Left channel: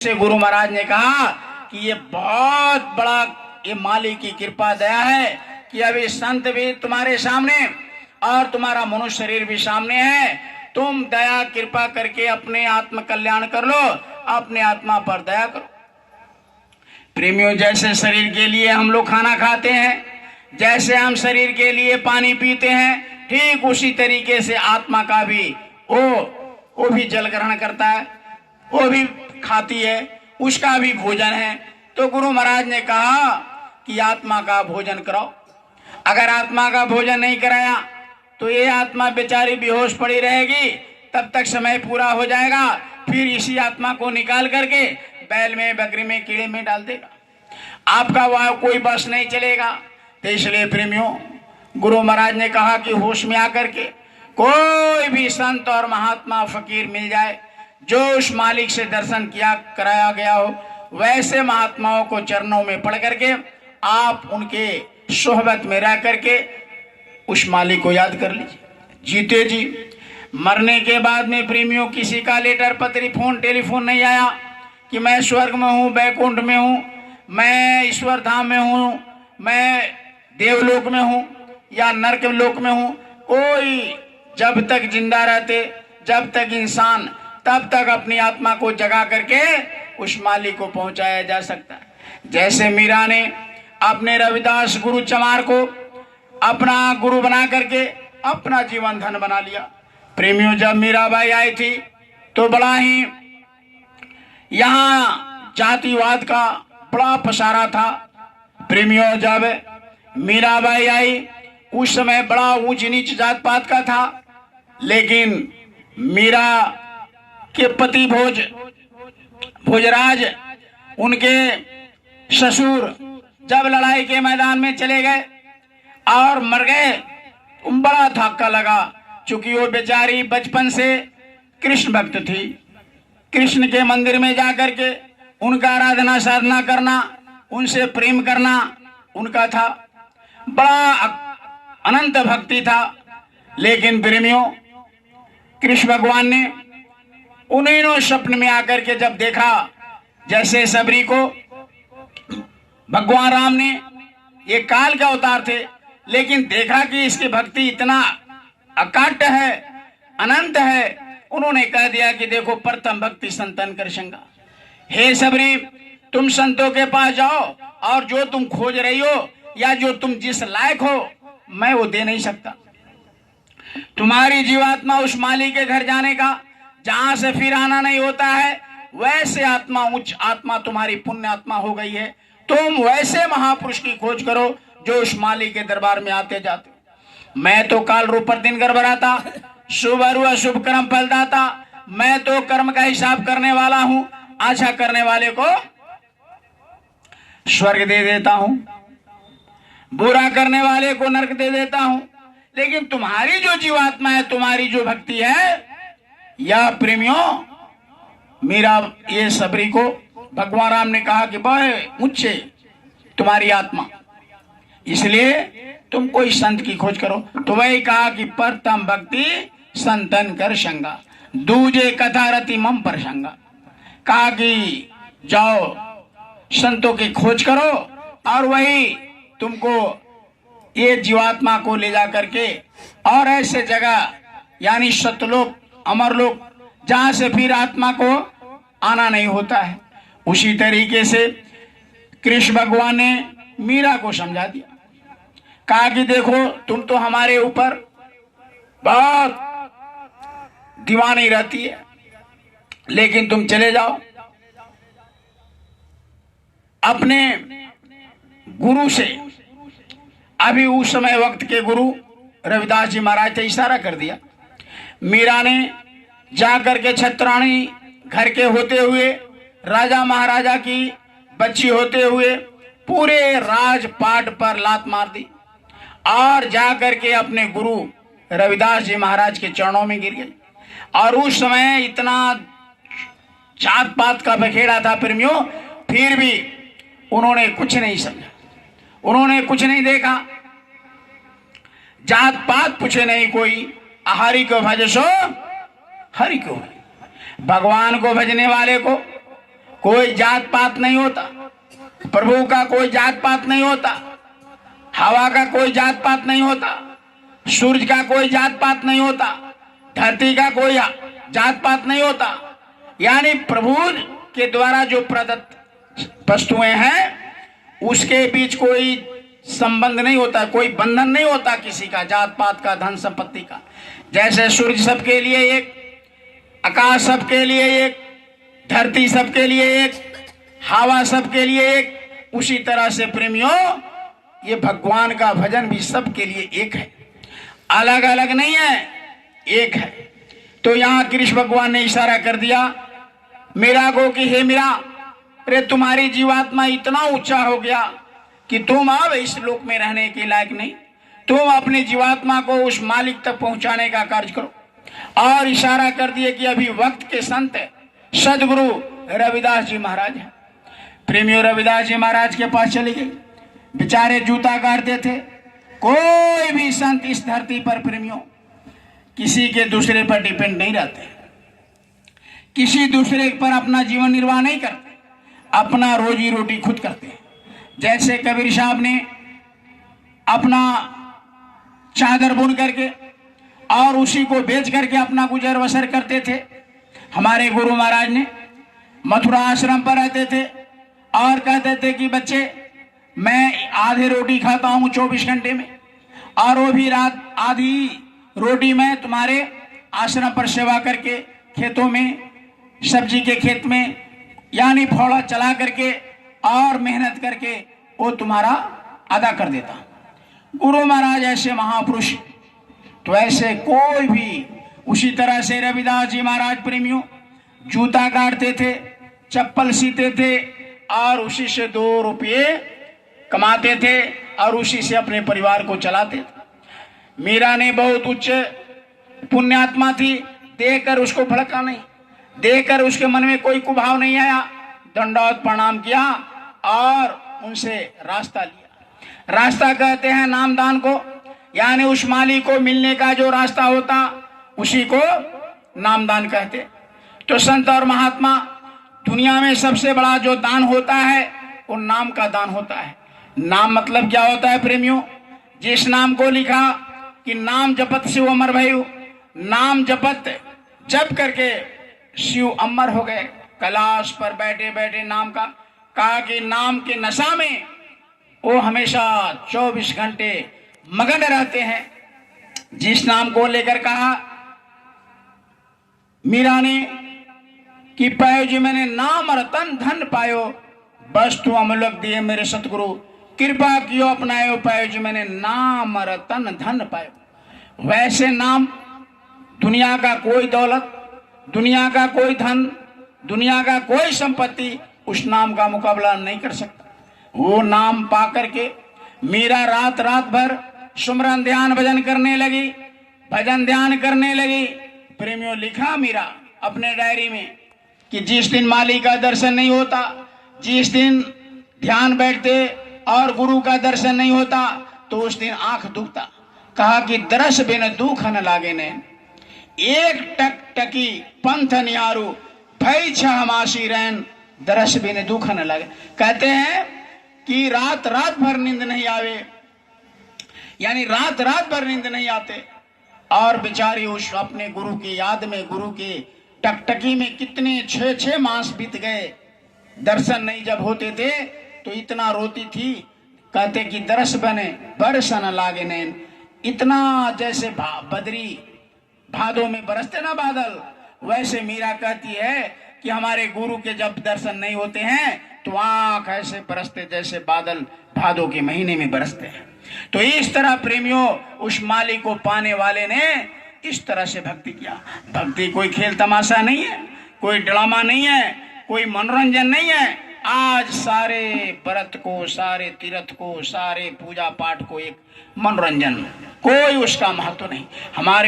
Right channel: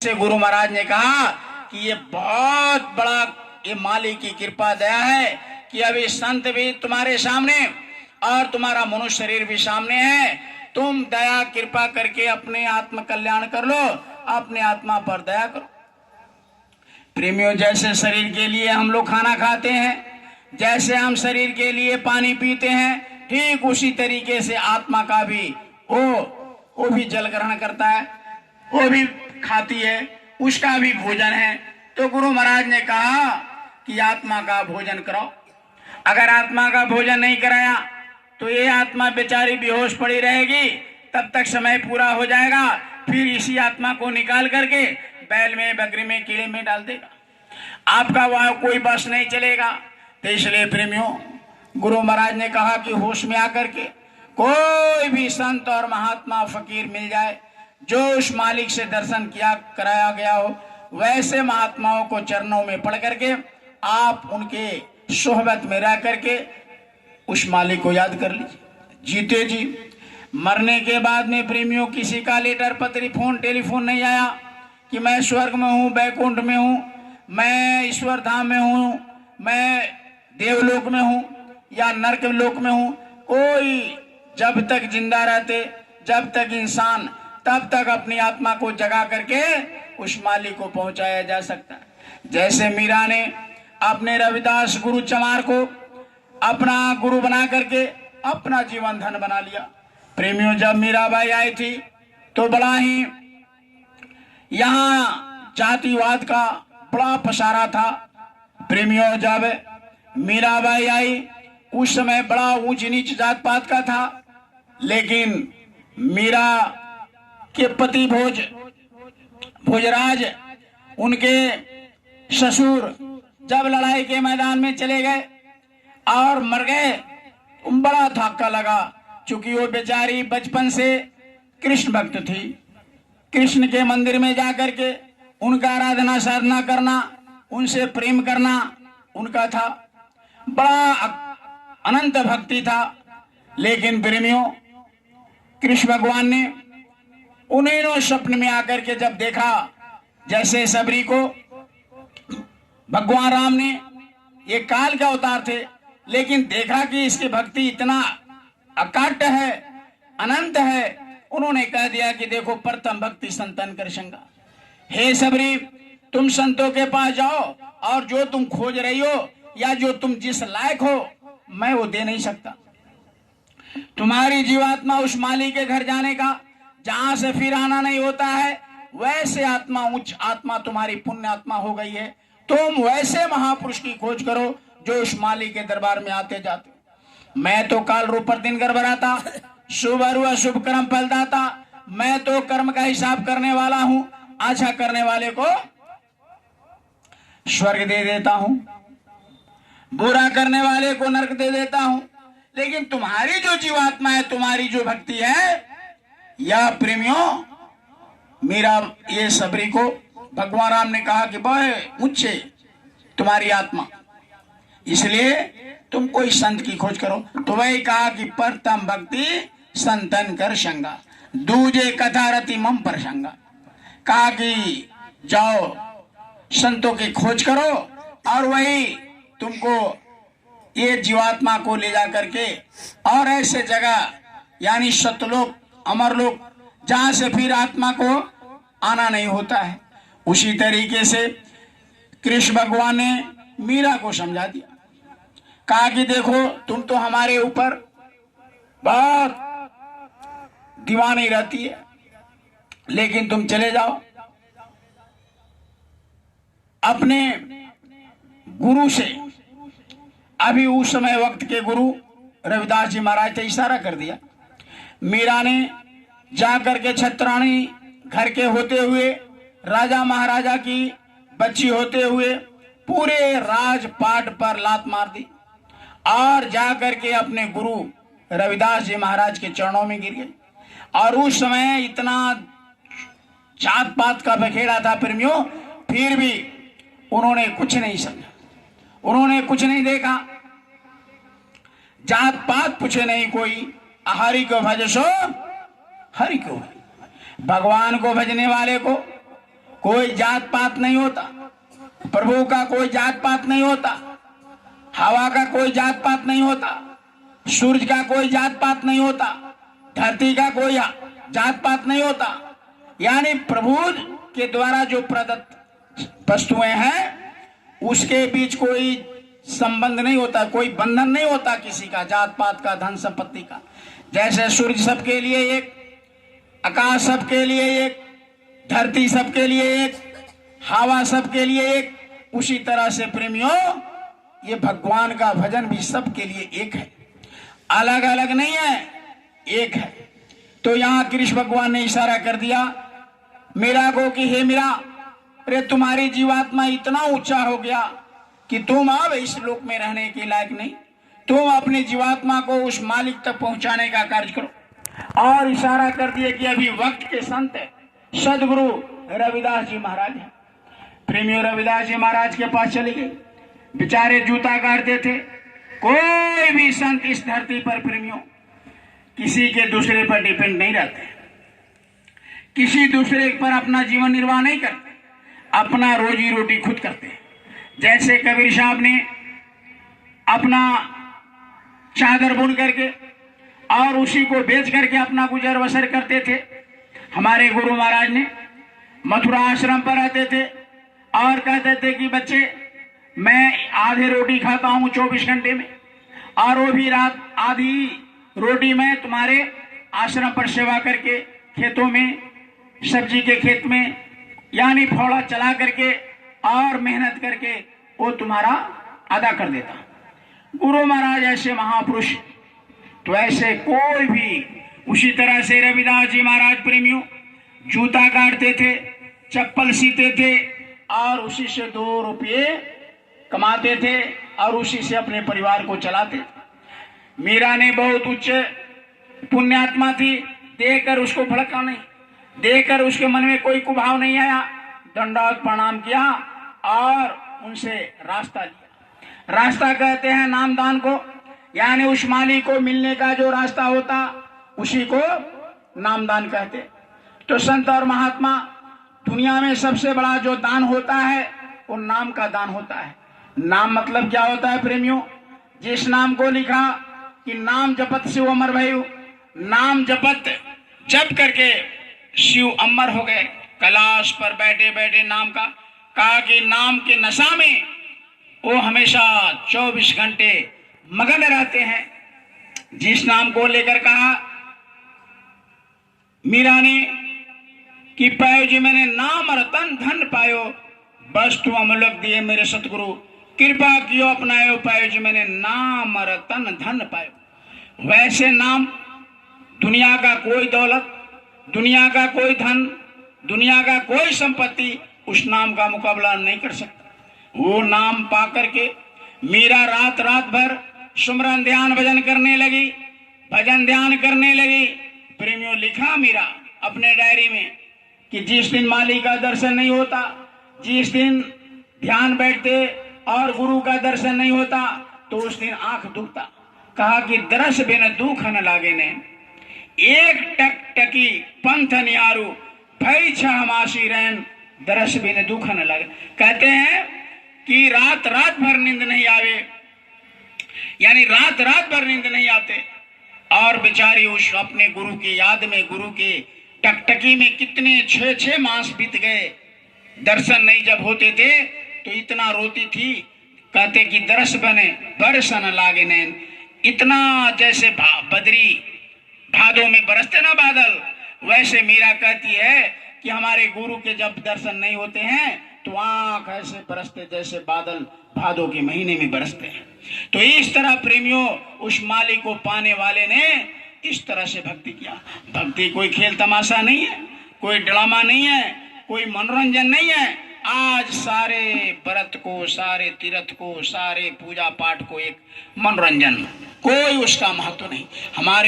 से गुरु महाराज ने कहा कि ये बहुत बड़ा ये मालिक की कृपा दया है कि अभी संत भी तुम्हारे सामने और तुम्हारा मनुष्य शरीर भी सामने है। तुम दया कृपा करके अपने आत्म कल्याण कर लो, अपने आत्मा पर दया करो। प्रेमियों, जैसे शरीर के लिए हम लोग खाना खाते हैं, जैसे हम शरीर के लिए पानी पीते हैं, ठीक उसी तरीके से आत्मा का भी वो भी जल ग्रहण करता है, वो भी खाती है, उसका भी भोजन है। तो गुरु महाराज ने कहा कि आत्मा का भोजन कराओ। अगर आत्मा का भोजन नहीं कराया तो ये आत्मा बेचारी बेहोश पड़ी रहेगी, तब तक समय पूरा हो जाएगा, फिर इसी आत्मा को निकाल करके बैल में, बकरी में, कीड़े में डाल देगा। आपका वह कोई बस नहीं चलेगा। तो इसलिए प्रेमियों, गुरु महाराज ने कहा कि होश में आकर के कोई भी संत और महात्मा फकीर मिल जाए, जो उस मालिक से दर्शन किया कराया गया हो, वैसे महात्माओं को चरणों में पढ़ करके आप उनके सोहबत में रह करके उस मालिक को याद कर लीजिए। जीते जी मरने के बाद में प्रेमियों किसी का लेटर, पत्री, फोन, टेलीफोन नहीं आया कि मैं स्वर्ग में हूँ, बैकुंठ में हूँ, मैं ईश्वर धाम में हूँ, मैं देवलोक में हूँ या नरक लोक में हूँ। कोई जब तक जिंदा रहते, जब तक इंसान, तब तक अपनी आत्मा को जगा करके उस मालिक को पहुंचाया जा सकता है। जैसे मीरा ने अपने रविदास गुरु चमार को अपना गुरु बना करके अपना जीवन धन बना लिया। प्रेमियों, जब मीराबाई आई थी तो बड़ा ही यहाँ जातिवाद का बड़ा पसारा था। प्रेमियों, जब मीराबाई आई उस समय बड़ा ऊंच नीच जात पात का था, लेकिन मीरा के पति भोजराज, उनके ससुर जब लड़ाई के मैदान में चले गए और मर गए, बड़ा धक्का लगा। चूंकि वो बेचारी बचपन से कृष्ण भक्त थी, कृष्ण के मंदिर में जाकर के उनका आराधना साधना करना, उनसे प्रेम करना उनका था, बड़ा अनंत भक्ति था। लेकिन प्रेमियों, कृष्ण भगवान ने उन्हें स्वप्न में आकर के जब देखा, जैसे सबरी को भगवान राम ने, ये काल के अवतार थे, लेकिन देखा कि इसकी भक्ति इतना अकाट्य है, अनंत है, उन्होंने कह दिया कि देखो, प्रथम भक्ति संतन कर संगा। हे सबरी, तुम संतों के पास जाओ और जो तुम खोज रही हो या जो तुम जिस लायक हो, मैं वो दे नहीं सकता। तुम्हारी जीवात्मा उस मालिक के घर जाने का, जहां से फिर आना नहीं होता है, वैसे आत्मा, उच्च आत्मा तुम्हारी पुण्य आत्मा हो गई है। तुम वैसे महापुरुष की खोज करो जो उस मालिक के दरबार में आते जाते। मैं तो काल रूप पर दिन गड़बड़ाता, शुभ और अशुभ कर्म फलदाता, मैं तो कर्म का हिसाब करने वाला हूं, अच्छा करने वाले को स्वर्ग दे देता हूं, बुरा करने वाले को नरक दे देता हूं। लेकिन तुम्हारी जो जीवात्मा है, तुम्हारी जो भक्ति है, या प्रेमियों, मेरा ये सबरी को भगवान राम ने कहा कि बड़े ऊंचे तुम्हारी आत्मा, इसलिए तुम कोई संत की खोज करो। तो वही कहा कि प्रथम भक्ति संतन कर संगा, दूजे कथा रति मम प्रसंगा। कहा कि जाओ संतों की खोज करो और वही तुमको ये जीवात्मा को ले जा करके और ऐसे जगह, यानी सतलोक, अमरलोक, जहां से फिर आत्मा को आना नहीं होता है। उसी तरीके से कृष्ण भगवान ने मीरा को समझा दिया, कहा कि देखो, तुम तो हमारे ऊपर बहुत दीवानी रहती है, लेकिन तुम चले जाओ अपने गुरु से। अभी उस समय वक्त के गुरु रविदास जी महाराज ने इशारा कर दिया। मीरा ने जाकर के छत्राणी घर के होते हुए, राजा महाराजा की बच्ची होते हुए, पूरे राजपाट पर लात मार दी और जाकर के अपने गुरु रविदास जी महाराज के चरणों में गिर गई। और उस समय इतना जात पात का बखेड़ा था प्रेमियों, फिर भी उन्होंने कुछ नहीं समझा, उन्होंने कुछ नहीं देखा, जात पात पूछे नहीं कोई। हरि को भजसो हरि को, भगवान को भजने वाले को कोई जात पात नहीं होता, प्रभु का कोई जात पात नहीं होता, हवा का कोई जात पात नहीं होता, सूर्य का कोई जात पात नहीं होता, धरती का कोई जात पात नहीं होता। यानी प्रभु के द्वारा जो प्रदत्त वस्तुएं हैं उसके बीच कोई संबंध नहीं होता, कोई बंधन नहीं होता किसी का, जात पात का, धन संपत्ति का। जैसे सूर्य सबके लिए एक, आकाश सबके लिए एक, धरती सबके लिए एक, हवा सबके लिए एक, उसी तरह से प्रेमियों ये भगवान का भजन भी सबके लिए एक है, अलग अलग नहीं है, एक है। तो यहां कृष्ण भगवान ने इशारा कर दिया मीरा को कि हे मीरा, अरे तुम्हारी जीवात्मा इतना ऊंचा हो गया कि तुम अब इस लोक में रहने के लायक नहीं, तुम अपनी जीवात्मा को उस मालिक तक पहुंचाने का कार्य करो। और इशारा कर दिए कि अभी वक्त के संत सदगुरु रविदास जी महाराज हैं। प्रेमियों, रविदास जी महाराज के पास चले गए, बेचारे जूता काटते थे। कोई भी संत इस धरती पर प्रेमियों किसी के दूसरे पर डिपेंड नहीं रहते, किसी दूसरे पर अपना जीवन निर्वाह नहीं करते, अपना रोजी रोटी खुद करते हैं। जैसे कबीर साहब ने अपना चादर बुन करके और उसी को बेच करके अपना गुजर बसर करते थे, हमारे गुरु महाराज ने मथुरा आश्रम पर रहते थे और कहते थे कि बच्चे मैं आधे रोटी खाता हूं 24 घंटे में, और वो भी रात आधी रोटी मैं तुम्हारे आश्रम पर सेवा करके खेतों में, सब्जी के खेत में, यानी फौड़ा चला करके और मेहनत करके वो तुम्हारा अदा कर देता। गुरु महाराज ऐसे महापुरुष, तो ऐसे कोई भी, उसी तरह से रविदास जी महाराज प्रेमियों जूता काटते थे, चप्पल सीते थे और उसी से 2 रुपये कमाते थे और उसी से अपने परिवार को चलाते थे। मीरा ने बहुत उच्च पुण्यात्मा थी, देखकर उसको भड़का नहीं, देखकर उसके मन में कोई कुभाव नहीं आया, दंडवत प्रणाम किया और उनसे रास्ता लिया। रास्ता कहते हैं नामदान को, यानी उस मालिक को मिलने का जो रास्ता होता उसी को नामदान कहते। तो संत और महात्मा, दुनिया में सबसे बड़ा जो दान होता है वो नाम का दान होता है। नाम मतलब क्या होता है प्रेमियों? जिस नाम को लिखा कि नाम जपत शिव अमर भयु, नाम जपत जप करके शिव अमर हो गए। कैलाश पर बैठे बैठे नाम का कहा कि नाम के नशा में वो हमेशा 24 घंटे मगन रहते हैं। जिस नाम को लेकर कहा मीरा ने कि पायो जी मैंने नाम रतन धन पायो, बस तू अमलक दिए मेरे सतगुरु, कृपा कियो अपनायो, पायो जी मैंने नाम रतन धन पायो। वैसे नाम, दुनिया का कोई दौलत, दुनिया का कोई धन, दुनिया का कोई संपत्ति उस नाम का मुकाबला नहीं कर सकता। वो नाम पा करके मीरा रात रात भर सुमरन ध्यान भजन करने लगी, भजन ध्यान करने लगी। प्रेमियों, लिखा मीरा अपने डायरी में कि जिस दिन माली का दर्शन नहीं होता, जिस दिन ध्यान बैठते और गुरु का दर्शन नहीं होता तो उस दिन आंख दुखता। कहा कि दरस बिन दुख न लागे ने, एक टक टकी पंथ निहारू, भई छह मासी रैन, दरस बिन दुख न लगे। कहते हैं कि रात रात भर नींद नहीं आवे, यानी रात रात भर नींद नहीं आते, और बेचारी उस अपने गुरु की याद में, गुरु के टकटकी में कितने 6 मास बीत गए, दर्शन नहीं जब होते थे तो इतना रोती थी। कहते कि दरस बने बरसन लागे नैन, इतना जैसे बदरी भादों में बरसते ना बादल, वैसे मीरा कहती है कि हमारे गुरु के जब दर्शन नहीं होते हैं तो आंख ऐसे बरसते जैसे बादल भादों के महीने में बरसते हैं। तो इस तरह प्रेमियों उस मालिक को पाने वाले ने इस तरह से भक्ति किया। भक्ति कोई खेल तमाशा नहीं है, कोई ड्रामा नहीं है, कोई मनोरंजन नहीं है। आज सारे व्रत को, सारे तीर्थ को, सारे पूजा पाठ को एक मनोरंजन, कोई उसका महत्व नहीं। हमारे